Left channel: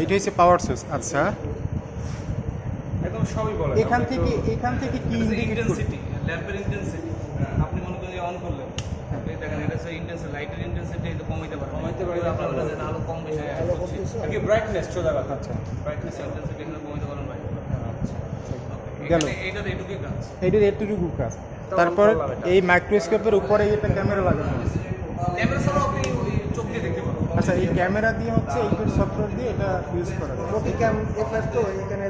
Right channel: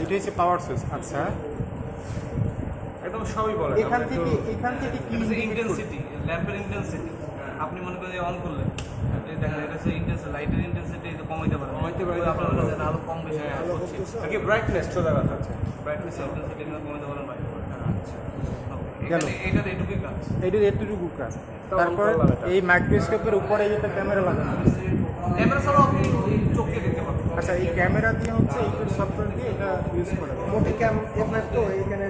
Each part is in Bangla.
এইটা হচ্ছে পাওয়ার সুইচ। আচ্ছা, একদম সবই বলে। এখান থেকে কি ইন্টেন্সিটি, ল্যাম্পের ইন্টেন্সিটি আপনি মনে করেন অন করলেন, দেখেন এটা হচ্ছে ইন্টেন্সিটি, লাইটের ইন্টেন্সিটি কমাইতে পারে, আপনার আলো কম বেশি হচ্ছে আর কি, ব্রাইটনেস চলে গেছে। আচ্ছা, ব্রাইটনেস ইন্টেন্সিটি কমাইতে পারেন ভাই। আচ্ছা, এইটাতে এটুকুই কাজ, এইটার এতটুকু কাজ। তারপর এই মাইক্রোস্কোপের উপরে এটা ক্যামেরা লাগানো, ক্যামেরা ছাড়াও আপনি ওই চোখে দেখতে পাবেন। আচ্ছা, এই ক্যামেরা দিয়ে হচ্ছে এইটার সফটওয়্যার দিয়ে এটা ইউজ করা যায়। তো এখানে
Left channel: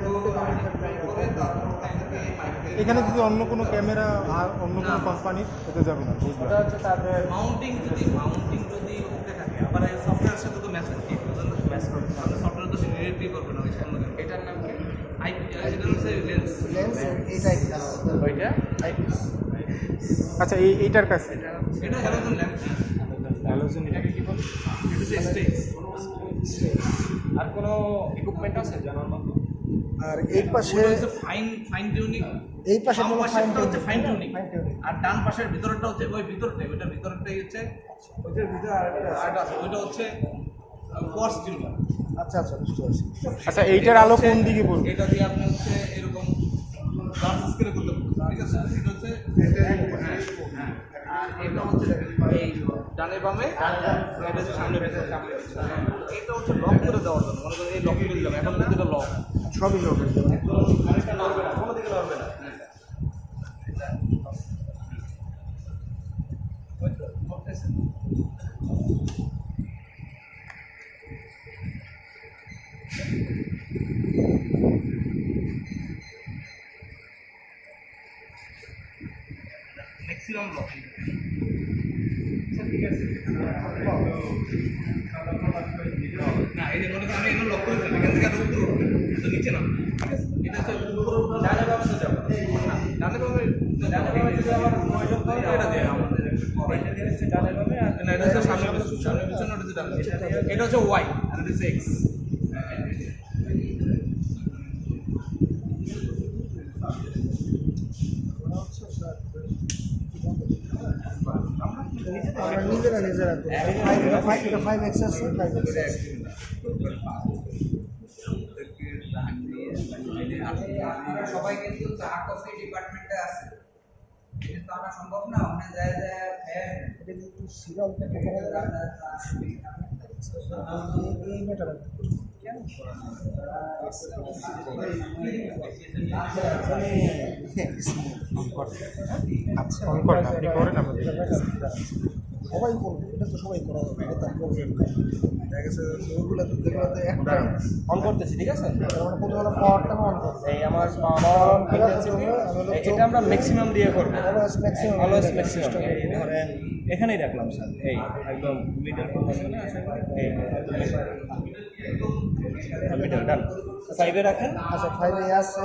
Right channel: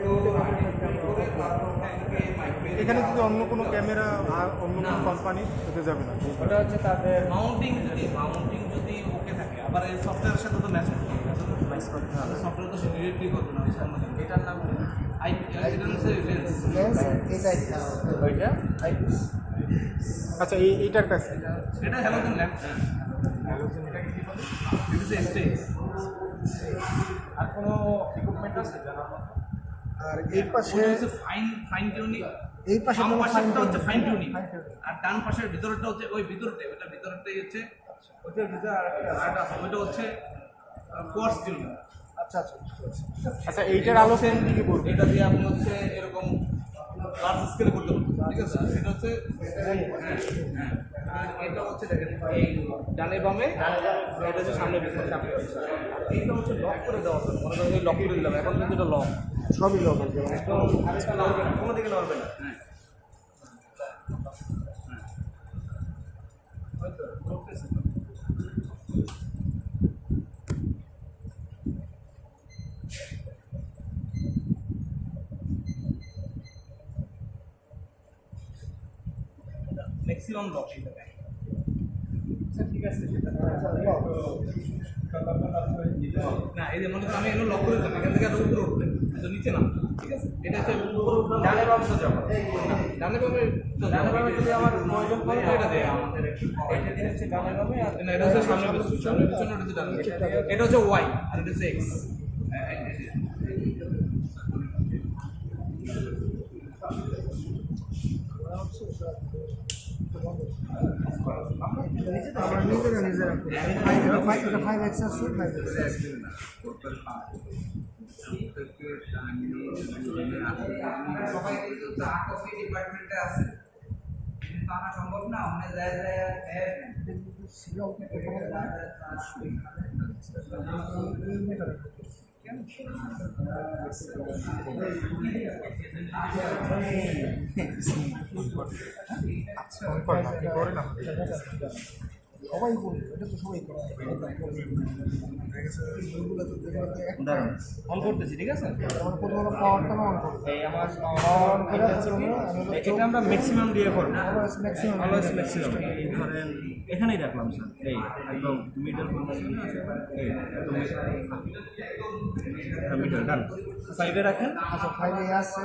এখানে যদি অন্য কোনো ক্যামেরা আর অন্য কোনো কোম্পানি এটা যাবে না। ওটা হচ্ছে তাদের মাউন্টিং যদি ওকে থাকে, আবার এই সফটওয়্যারের সাথে তো ম্যাচ করতে হবে, সফটওয়্যার তো সে ডিরেক্টলি করবে না। ওই অন্য এটার নাম কি? এটা হচ্ছে লেন্স, ওইটা আইপিস। আচ্ছা, এইটার কাছে এটা হ্যালোজেন ল্যাম্প। হ্যালোজেন, এটাকে কি বলে? এটা হচ্ছে স্টেজ। আর কোনো ইকুইপমেন্ট আছে জানার মতো? আর এই পাশে হচ্ছে ফাইন টিউনিং, এই পাশে বাম পাশেরটা হচ্ছে ফাইন টিউনিং, আর ডান পাশের ভিতরটা হচ্ছে ওই ভিতরটাই, ওইটা ভিতরটাই হচ্ছে ওইটার ভিতরে আরেকটা আছে, ওইটা হচ্ছে কোয়ার্টজ টিউনিং। আচ্ছা বুঝতে পারছি। আচ্ছা, এইটার আলো কোন দিকে পড়বে? এটা দিয়ে আপনি হচ্ছে এরকম লার্জ স্কেলে করতে পারবেন, ঠিক আছে? এটা হচ্ছে হ্যাঁ, আর এটা হচ্ছে দেখেন এই ডানে বামে, এটা হচ্ছে সামনে পিছনে, এইটা হচ্ছে লক করে দেওয়ার জন্য। মনে করেন এই লক করে দিলাম, এখন কিন্তু এটা লক, সবই লোক কোনো দিকে নড়বে না। ম্যাক্সিমাম লক ঠিক আছে। না, এই যে মনে করেন আমি এগুলো লক করে দিলাম, এখান থেকে আর উপরে উঠবে তো নিচে না, ঠিক আছে? এটা হচ্ছে ডানে বামে সোজা, ডানে বামে যদি আমার প্রয়োজন পড়ে এটা দেয় আমাদের, এটা দিয়ে হচ্ছে ডানে বামে, আর না এটা হচ্ছে সামনে পিছনে, ওটা হচ্ছে ডানে, এটা হচ্ছে ওয়াই আর এটা হচ্ছে এক্স। আমরা নিজেরা ফাইভ এক্স আছে, সবাই কিন্তু চা কফি ডিপার্টমেন্টে আছে, কিন্তু আনা সম্ভব না, ওখানে যায় এই মেটার আচ্ছা, অন করেন, আপনি করেন আমাদের। সবাই করবে, এটা তো সবাই করা হবে। দেখা গেছে ওইগুলো তো যেগুলোতে একটা অন করতেছি, ঠিক আছে? মানে প্রথমে পাওয়ারটা অন করবো, এই আমার পাওয়ার অন করে এটা আমরা ম্যাক্সিমাম দিয়ে করবো, অলওয়েজ ম্যাক্সিমাম ম্যাক্সিমাম। ধরেন এখানেই রাখলাম স্যার, এই একদম মিডল পজিশনে আছে, এই একদম মিডল ডান, সাইডে রাখেন। আচ্ছা, ফাইভে আছে,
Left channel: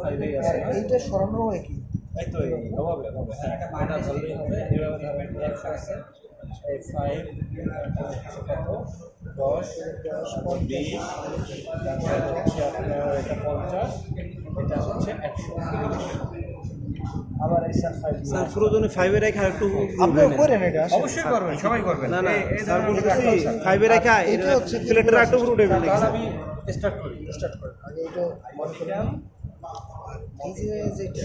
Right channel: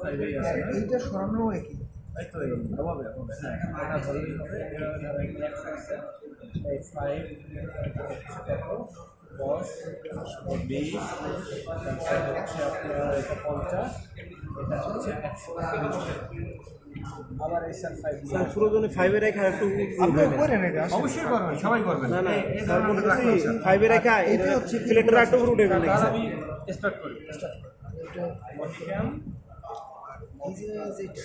সাইডেই আছে, এইটা সরানো একই। তাই তো, এই হবে হ্যাঁ, এটা ধরলেই হবে। এইভাবে ধরেন এক্স আছে, এই 5 এটা হচ্ছে কত 10 20, তারপরে হচ্ছে আপনার এটা 50, এটা হচ্ছে 100। আবার এই স্যার 5 পুরোজনে 5 এ রেখা একটু আপনিও করেন এটা? অবশ্যই করবেন, সবাই করবেন। না এই ধরনের 5 এ রেখা এটা হচ্ছে প্লেটের একটু উঠে গেল। তাহলে আমি স্টার্ট করি। আগে এটা ওয়ান এই যে যেটা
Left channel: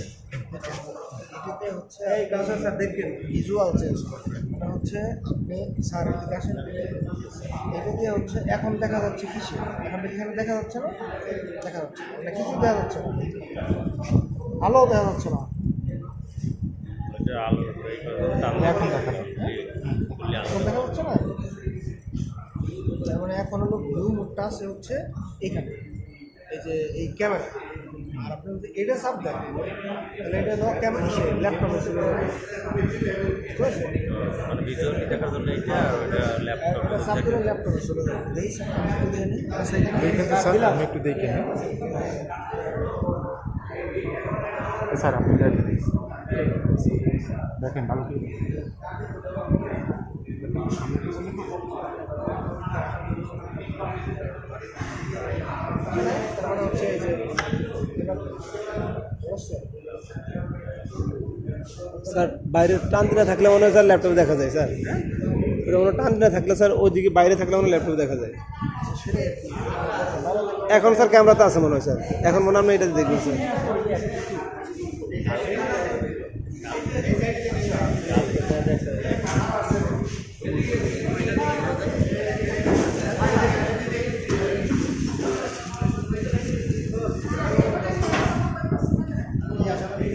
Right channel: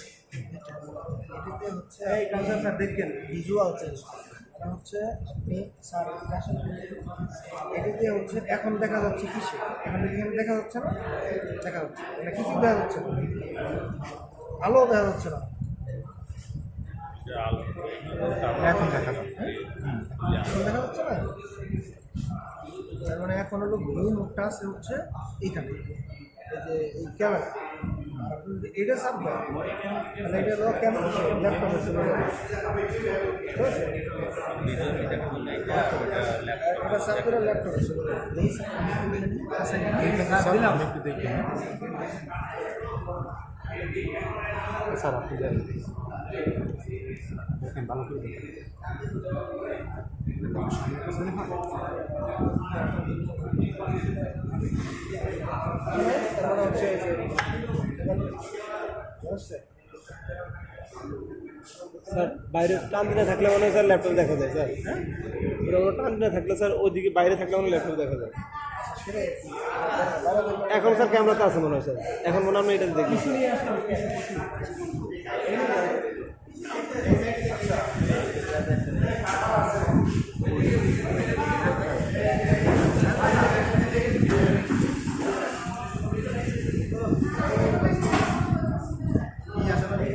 এটাতে হচ্ছে এই কাউন্সার স্যার দেখেন ভিজুয়াল চেঞ্জ করবেন। এটা হচ্ছে আপনি স্যার এদিকে আসেন, এটাতে হচ্ছে এখন দেখা যাচ্ছে কিসে, এখন এখানে দেখা যাচ্ছে না, দেখা যাচ্ছে এটা কিছুই দেখা যাচ্ছে না, আলো দেখা যাচ্ছে না, এখন দেখা যাবে। এখন দেখা যাচ্ছে না। তার মানে এখন হলো ভিউ মোডটা আছে হচ্ছে এখানে, এই যে এই ক্যামেরা। আর আপনি যদি এটা চাপ দেন তাহলে এটা হলো ক্যামেরা, ল্যাপটপে চলে যাবে। এটা চাপ দিলে ল্যাপটপে চলে যাবে। দেখি স্যার আমি একটু দেখে নিই, আছে কিনা। এইটাতে স্যার আমি একটু দেখি। হ্যাঁ স্যার, আপনি দেখেন ভালো করে দেখেন। সামনে পিছনে হয়। তার মানে হচ্ছে এই যে স্যার বাইরে টান দিলে থাকলে মনে হয় স্যার ল্যাপটপ দেখা যায় স্যার। ওটা কোনো টান না থাকলে স্যার ওইদিকে বাইরে থাকলে আমার ল্যাপটপ দেখা যায়। সেটাই আর কি। বাইরে থেকে- এখন স্যার ক্যামেরাতে আছে মনে হয় স্যার, এখন মনে হয় আপনি এটা দেখবেন স্যার। নিয়ে আসা হবে।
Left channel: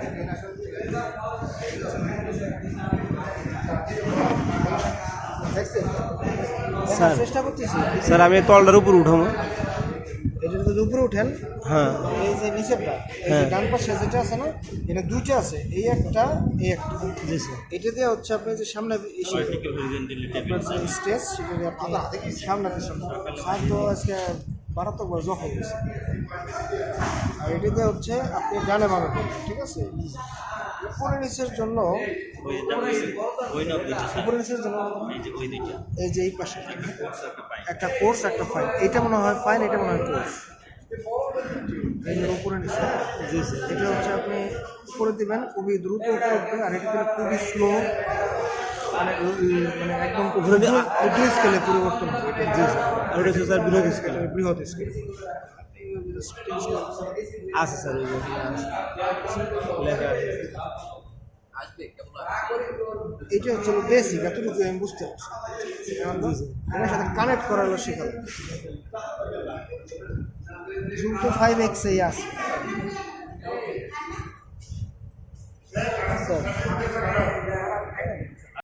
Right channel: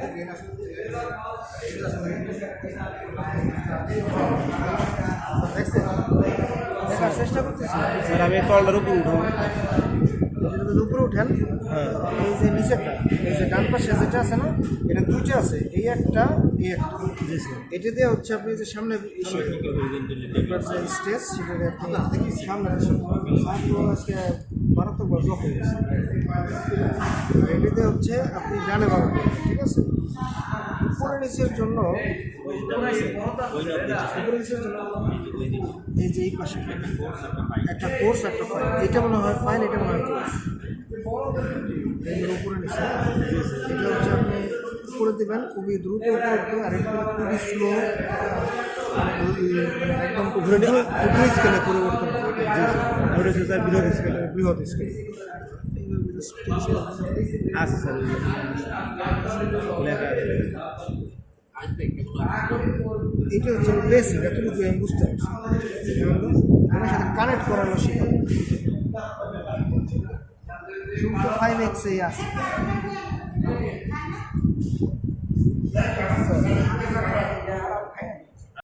ট্রেন আসা হচ্ছে। দেখছেন? দেখার চেষ্টা করতেছি। স্যার আমি তলটার উপর উঠাবো। এই যে যদি উপরে উঠেন, হ্যাঁ এই যে নিচেরটা, এই যে ডান পাশে যেটা আছে না, এটা দুটো আছে, এই একটা, এই একটা। জি স্যার। এটা দিয়ে হচ্ছে আপনি যে সামনে এসে আপনার যে স্টেজ, সেটা দিয়ে আপনি সামনে আসেন। স্যার তো আজকে মারাত্মক জখ হয়ে গেছে। আর এটা দিয়ে হচ্ছে আপনি ডানে বামে করবেন, ঠিক আছে? উপরে নিচের জন্য, উপরে নিচের জন্য এই যে এই পাশে একটা কোর্স, একটা ফাইন। এটা মনে হয় ফাইন, এটা মনে হয় কোর্স। এই যে উপরে নিচে, এটা হচ্ছে আপনি উপরে দিবেন, খুবই দ্রুত উপরে উঠবে, আর এটা খুবই স্লো, মানে একদম ক্ষুদ্র স্কেলে পরিবর্তন হবে। জি স্যার। আর ওটা হচ্ছে স্যার বৃহৎ স্কেল। বৃহৎ স্কেল। আছে স্যার, ওই যে লেখা আছে। এটা হচ্ছে বেসিক, এতটুকু আমি বুঝতে পারছি। আমার সাথে কানেক্ট করার শেখাবো। জুম তো 5x এই আছে।